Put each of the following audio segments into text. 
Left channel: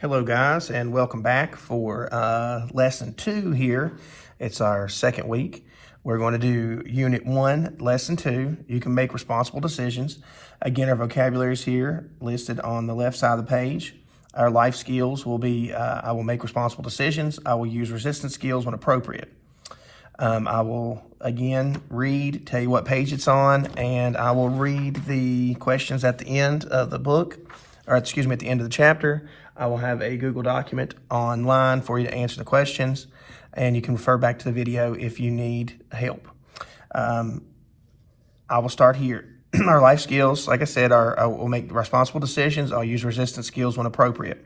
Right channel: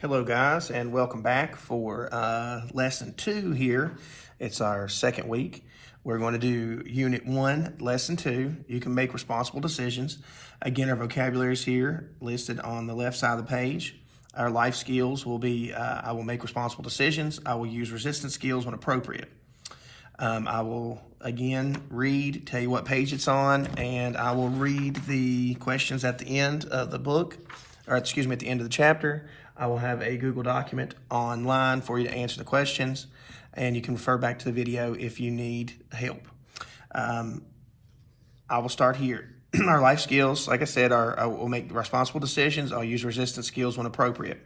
Hello guys, and welcome back for lesson 2 here. It's our second week. We're going to do unit 1, lesson 2. You can make responsible decisions. Again, our vocabulary is here listed on the left side of the page. Our life skills will be, I will make responsible decisions. I will use resistance skills when appropriate. I will, again, tell you what page it's on, and I will read the questions at the end of the book, or excuse me, at the end of the chapter. I will have a Google document online for you to answer the questions, and you can refer back to the video if you need help. I will start here. Our life skills, like I said, I will make responsible decisions. I'll use resistance skills when appropriate.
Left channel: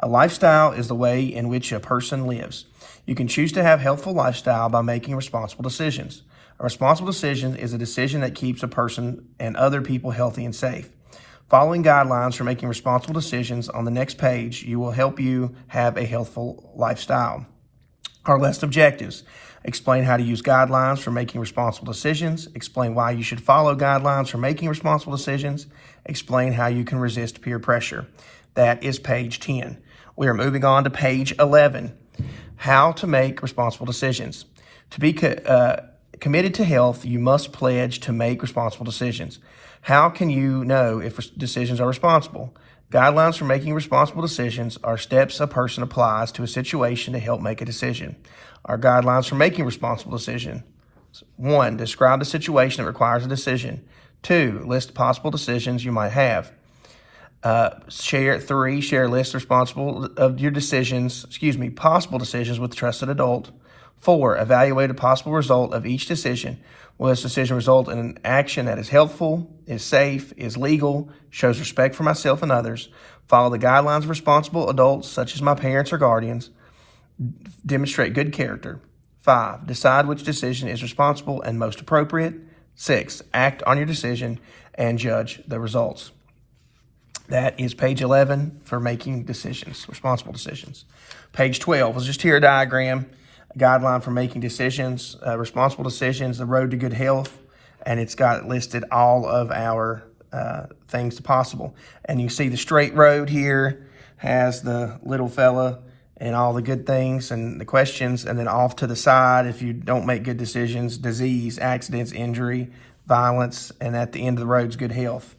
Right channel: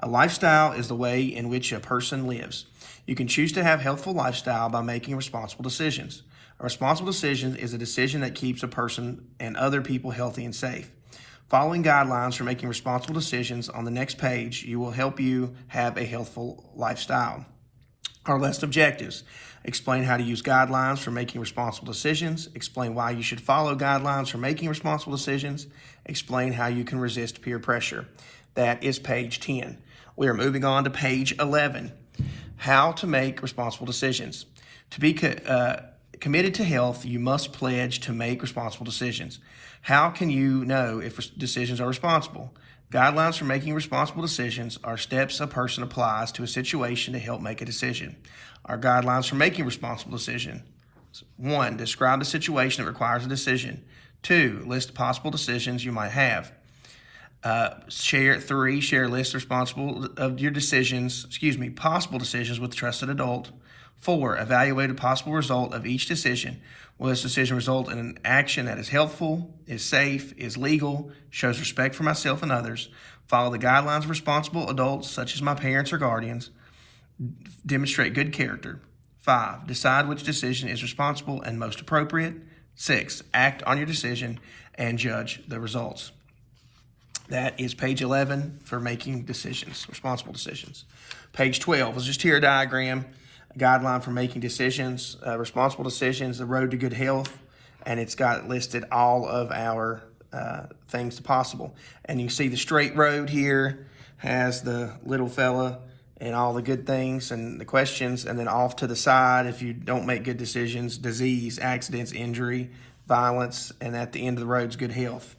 A lifestyle is the way in which a person lives. You can choose to have a healthful lifestyle by making responsible decisions. A responsible decision is a decision that keeps a person and other people healthy and safe. Following guidelines for making responsible decisions on the next page will help you have a healthful lifestyle. Our list objectives: explain how to use guidelines for making responsible decisions, explain why you should follow guidelines for making responsible decisions, explain how you can resist peer pressure. That is page 10. We are moving on to page 11, how to make responsible decisions. To be committed to health, you must pledge to make responsible decisions. How can you know if decisions are responsible? Guidelines for making responsible decisions are steps a person applies to a situation to help make a decision. Our guidelines for making responsible decisions: 1. Describe the situation that requires a decision. 2. List possible decisions you might have. 3. Share a list possible decisions with a trusted adult. 4. Evaluate a possible result of each decision. Will this decision result in an action that is helpful, is safe, is legal, shows respect for myself and others? Follow the guidelines of responsible adults, such as my parents or guardians. Demonstrate good character. 5. Decide which decision is responsible and most appropriate. 6. Act on your decision and judge the results. That is page 11 for making decisions, responsible decisions. Page 12 was just here a diagram. A guideline for making decisions, responsible decisions, the road to good health, and it's got listed all of our things possible. And you see the straight road here has the little fella and all the good things and the questions, and then off to the side, if you don't make good decisions, disease, accidents, injury, violence, and at the end of the road is good health.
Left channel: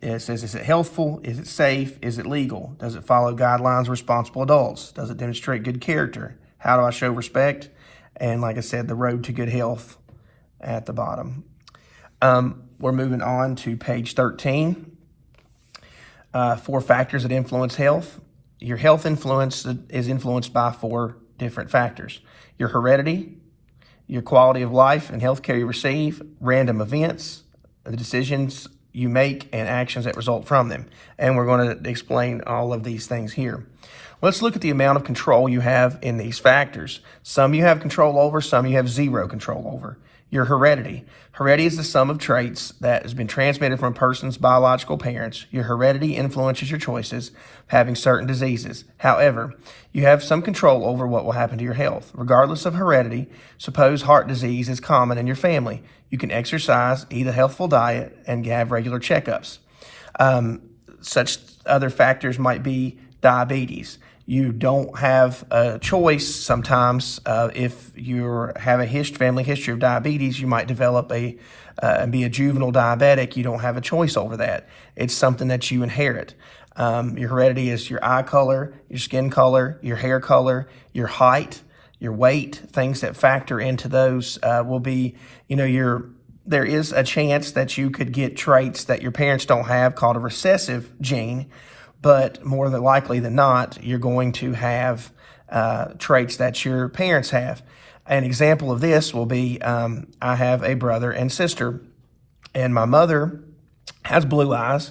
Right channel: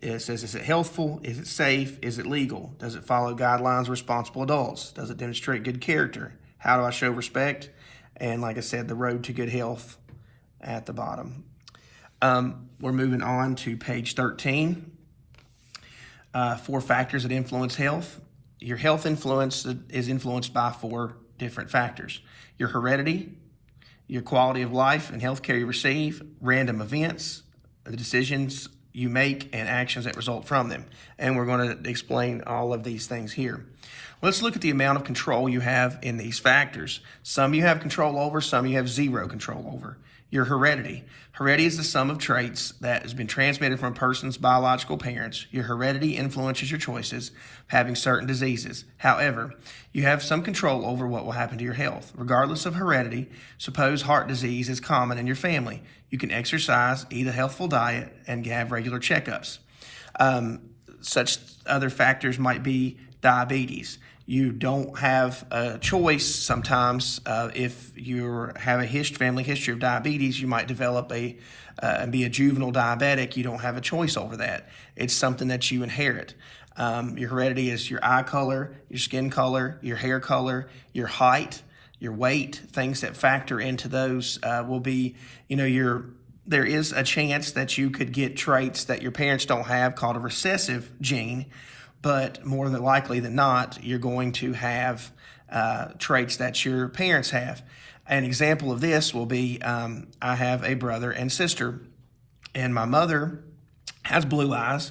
It says, is it healthful? Is it safe? Is it legal? Does it follow guidelines of responsible adults? Does it demonstrate good character? How do I show respect? And like I said, the road to good health at the bottom. We're moving on to page 13. 4 factors that influence health. Your health influence is influenced by 4 different factors: your heredity, your quality of life and health care you receive, random events, the decisions you make, and actions that result from them. And we're going to explain all of these things here. Let's look at the amount of control you have in these factors. Some you have control over, some you have zero control over. Your heredity. Heredity is the sum of traits that has been transmitted from a person's biological parents. Your heredity influences your choices of having certain diseases. However, you have some control over what will happen to your health. Regardless of heredity, suppose heart disease is common in your family. You can exercise, eat a healthful diet, and have regular checkups. Such other factors might be diabetes. You don't have a choice sometimes. If you have a family history of diabetes, you might develop and be a juvenile diabetic. You don't have a choice over that. It's something that you inherit. Your heredity is your eye color, your skin color, your hair color, your height, your weight. Things that factor into those will be, there is a chance that you could get traits that your parents don't have called a recessive gene. But more than likely than not, you're going to have traits that your parents have. An example of this will be, I have a brother and sister, and my mother has blue eyes.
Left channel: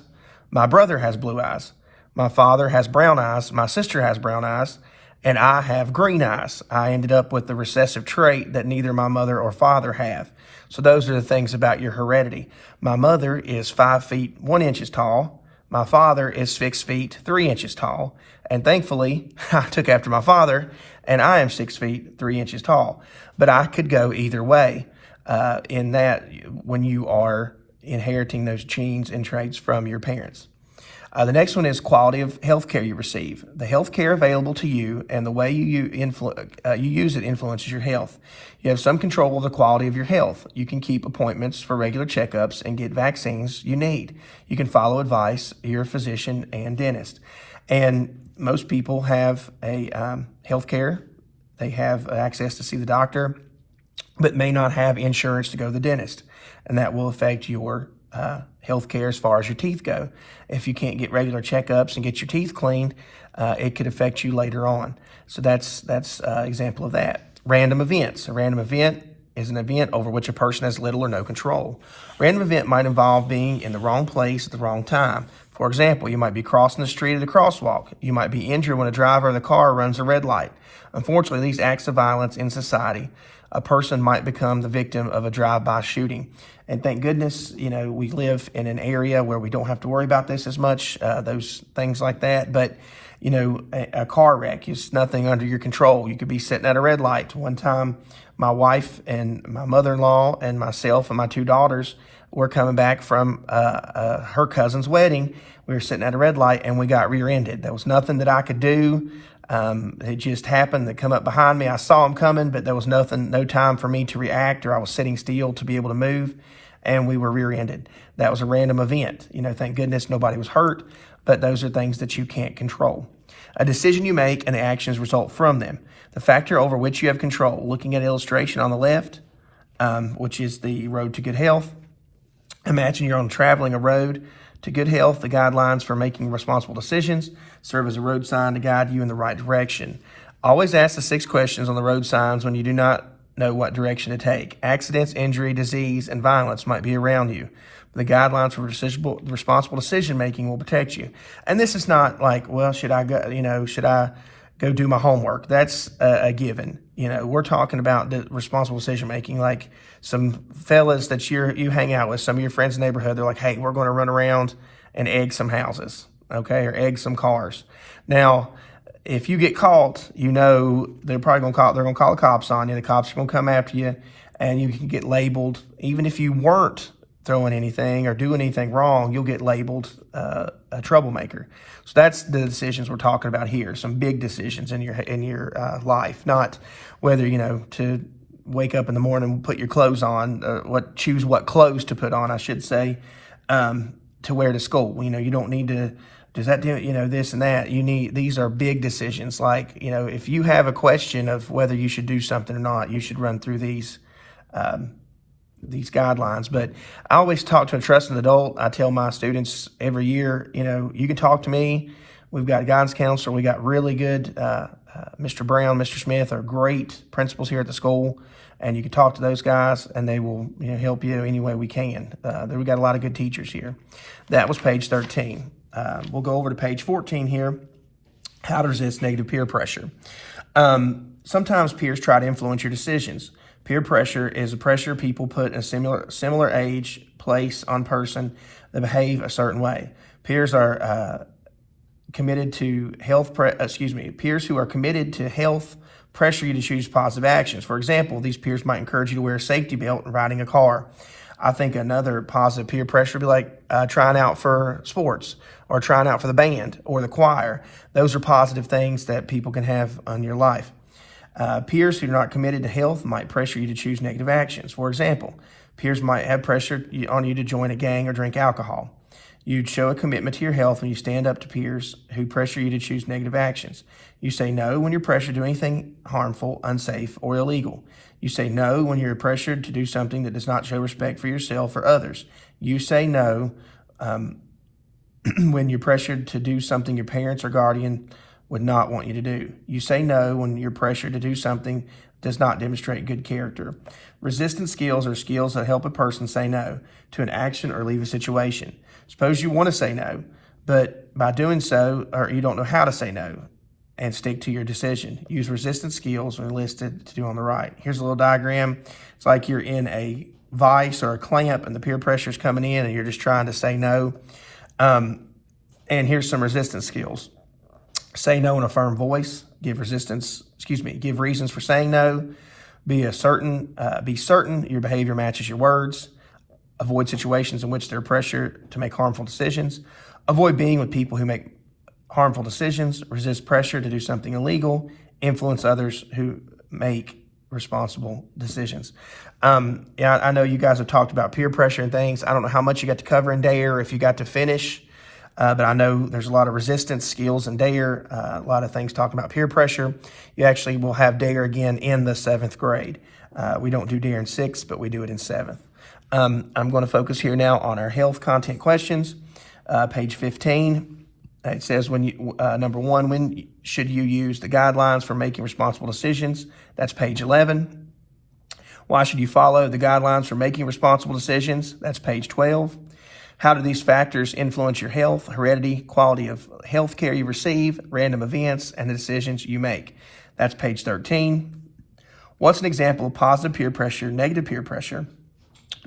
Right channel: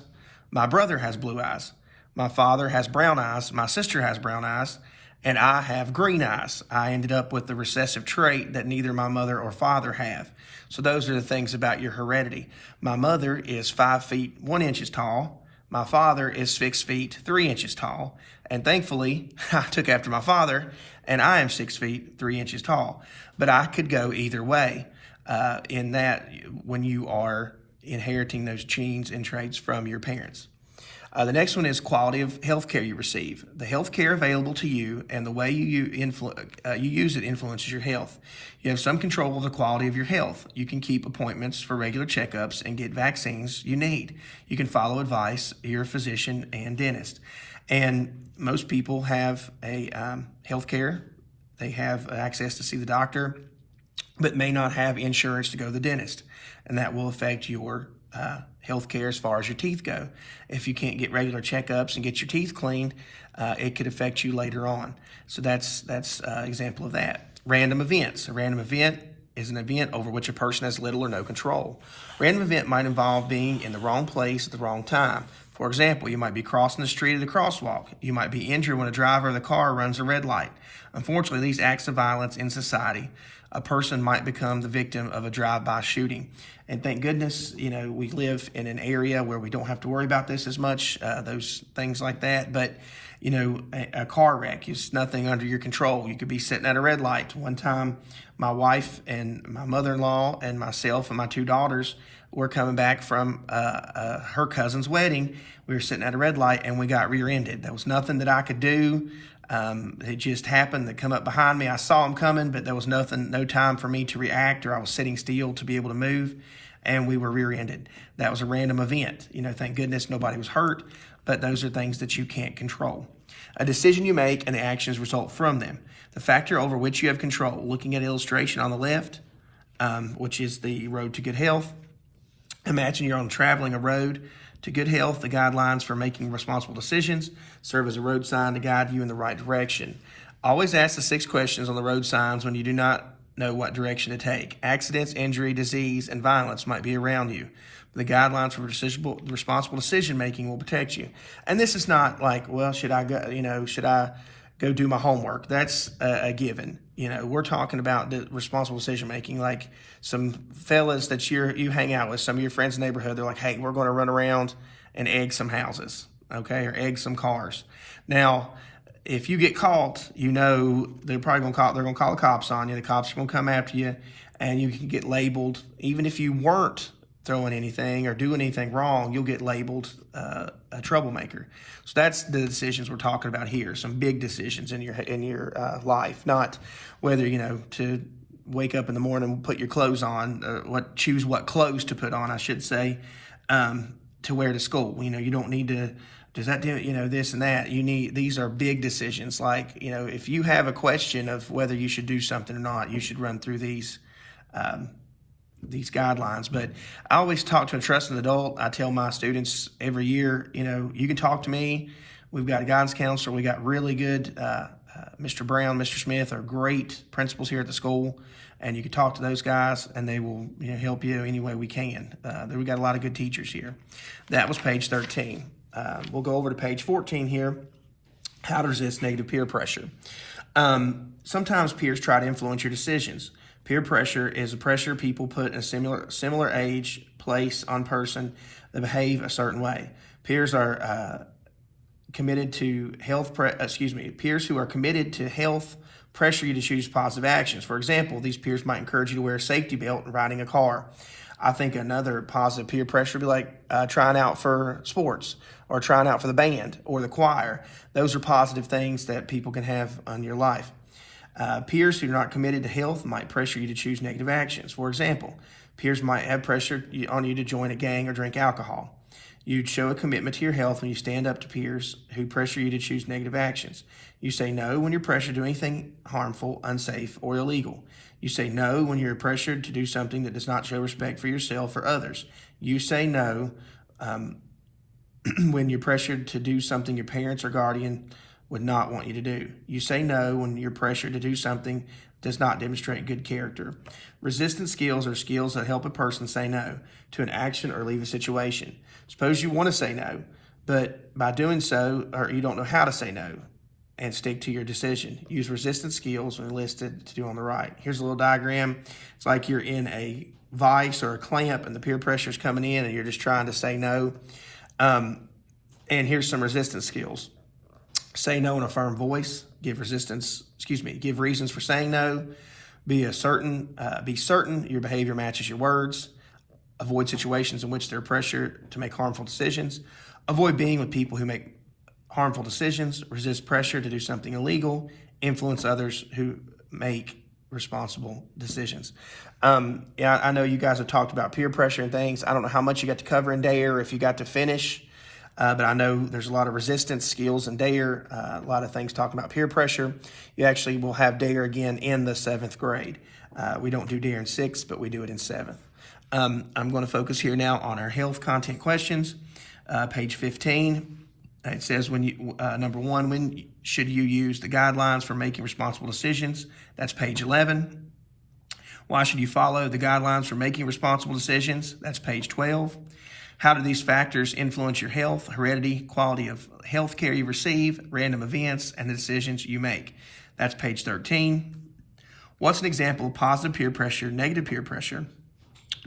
My brother has blue eyes. My father has brown eyes. My sister has brown eyes, and I have green eyes. I ended up with the recessive trait that neither my mother or father have. So those are the things about your heredity. My mother is 5 feet 1 inch tall. My father is 6 feet 3 inches tall, and thankfully I took after my father, and I am 6 feet 3 inches tall. But I could go either way in that when you are inheriting those genes and traits from your parents. The next one is quality of health care you receive. The health care available to you and the way you use it influences your health. You have some control of the quality of your health. You can keep appointments for regular checkups and get vaccines you need. You can follow advice of your physician and dentist. And most people have a health care. They have access to see the doctor, but may not have insurance to go to the dentist. And that will affect your health care as far as your teeth go. If you can't get regular checkups and get your teeth cleaned, it could affect you later on. So that's an example of that. Random events. A random event is an event over which a person has little or no control. Random event might involve being in the wrong place at the wrong time. For example, you might be crossing the street at a crosswalk. You might be injured when a driver of the car runs a red light. Unfortunately, these acts of violence in society, a person might become the victim of a drive-by shooting. And thank goodness, we live in an area where we don't have to worry about this as much, those things like that. But, a car wreck is nothing under your control. You could be sitting at a red light. One time, my wife and my mother-in-law and myself and my 2 daughters were coming back from her cousin's wedding. We were sitting at a red light and we got rear-ended. There was nothing that I could do. It just happened to come up behind me. I saw him coming, but there was no time for me to react, or I was sitting still to be able to move, and we were rear-ended. That was a random event. Thank goodness nobody was hurt, but those are things that you can't control. A decision you make and actions result from them. The factor over which you have control. Looking at illustration on the left, which is the road to good health. Imagine you're traveling a road to good health. The guidelines for making responsible decisions serve as a road sign to guide you in the right direction. Always ask the 6 questions on the road signs when you do not know what direction to take. Accidents, injury, disease, and violence might be around you. The guidelines for responsible decision making will protect you. And this is not like, well, should I go do my homework? That's a given. We're talking about the responsible decision making, like some fellas that you hang out with, some of your friends in the neighborhood. They're like, hey, we're going to run around and egg some houses, okay, or egg some cars. Now, if you get caught, they're probably going to call. They're going to call the cops on you. The cops are going to come after you, and you can get labeled. Even if you weren't throwing anything or doing anything wrong, you'll get labeled a troublemaker. So that's the decisions we're talking about here. Some big decisions in your life, not whether to wake up in the morning and put your clothes on, choose what clothes to put on, I should say, to wear to school. You don't need to. Does that do this and that? These are big decisions. Like if you have a question of whether you should do something or not, you should run through these guidelines. But I always talk to a trusted adult. I tell my students every year, you can talk to me. We've got a guidance counselor. We got really good, Mr. Brown, Mr. Smith are great principals here at the school. And you can talk to those guys and they will help you any way we can. We've got a lot of good teachers here. That was page 13. We'll go over to page 14 here. How to resist negative peer pressure. Sometimes peers try to influence your decisions. Peer pressure is a pressure people put in a similar age, place, on person that behave a certain way. Peers are committed to health. Peers who are committed to health pressure you to choose positive actions. For example, these peers might encourage you to wear a safety belt when riding a car. I think another positive peer pressure would be like trying out for sports or trying out for the band or the choir. Those are positive things that people can have on your life. Peers who are not committed to health might pressure you to choose negative actions. For example, peers might have pressure on you to join a gang or drink alcohol. You'd show a commitment to your health when you stand up to peers who pressure you to choose negative actions. You say no when you're pressured to do anything harmful, unsafe, or illegal. You say no when you're pressured to do something that does not show respect for yourself or others. You say no when you're pressured to do something your parents or guardian would not want you to do. You say no when you're pressured to do something that does not demonstrate good character. Resistance skills are skills that help a person say no to an action or leave a situation. Suppose you want to say no, but by doing so, or you don't know how to say no, and stick to your decision. Use resistance skills when listed to do on the right. Here's a little diagram. It's like you're in a vice or a clamp and the peer pressure is coming in and you're just trying to say no. And here's some resistance skills. Say no in a firm voice. Give reasons for saying no. Be certain your behavior matches your words. Avoid situations in which there are pressure to make harmful decisions. Avoid being with people who make harmful decisions, resist pressure to do something illegal, influence others who make responsible decisions. Yeah, I know you guys have talked about peer pressure and things. I don't know how much you got to cover in DARE, if you got to finish, but I know there's a lot of resistance skills in DARE, a lot of things talking about peer pressure. You actually will have DARE again in the 7th grade. We don't do DARE in 6th, but we do it in 7th. I'm going to focus here now on our health content questions. Page 15. It says, number 1, when should you use the guidelines for making responsible decisions? That's page 11. Why should you follow the guidelines for making responsible decisions? That's page 12. How do these factors influence your health, heredity, quality of health care you receive, random events, and the decisions you make? That's page 13. What's an example of positive peer pressure, negative peer pressure?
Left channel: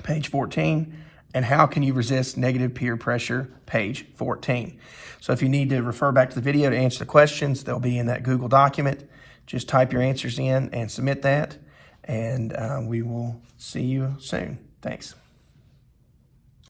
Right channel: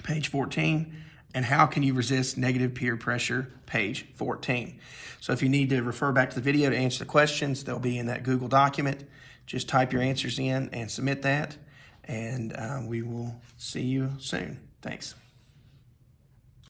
Page 14. And how can you resist negative peer pressure? Page 14. So if you need to refer back to the video to answer the questions, they'll be in that Google document. Just type your answers in and submit that, and we will see you soon. Thanks.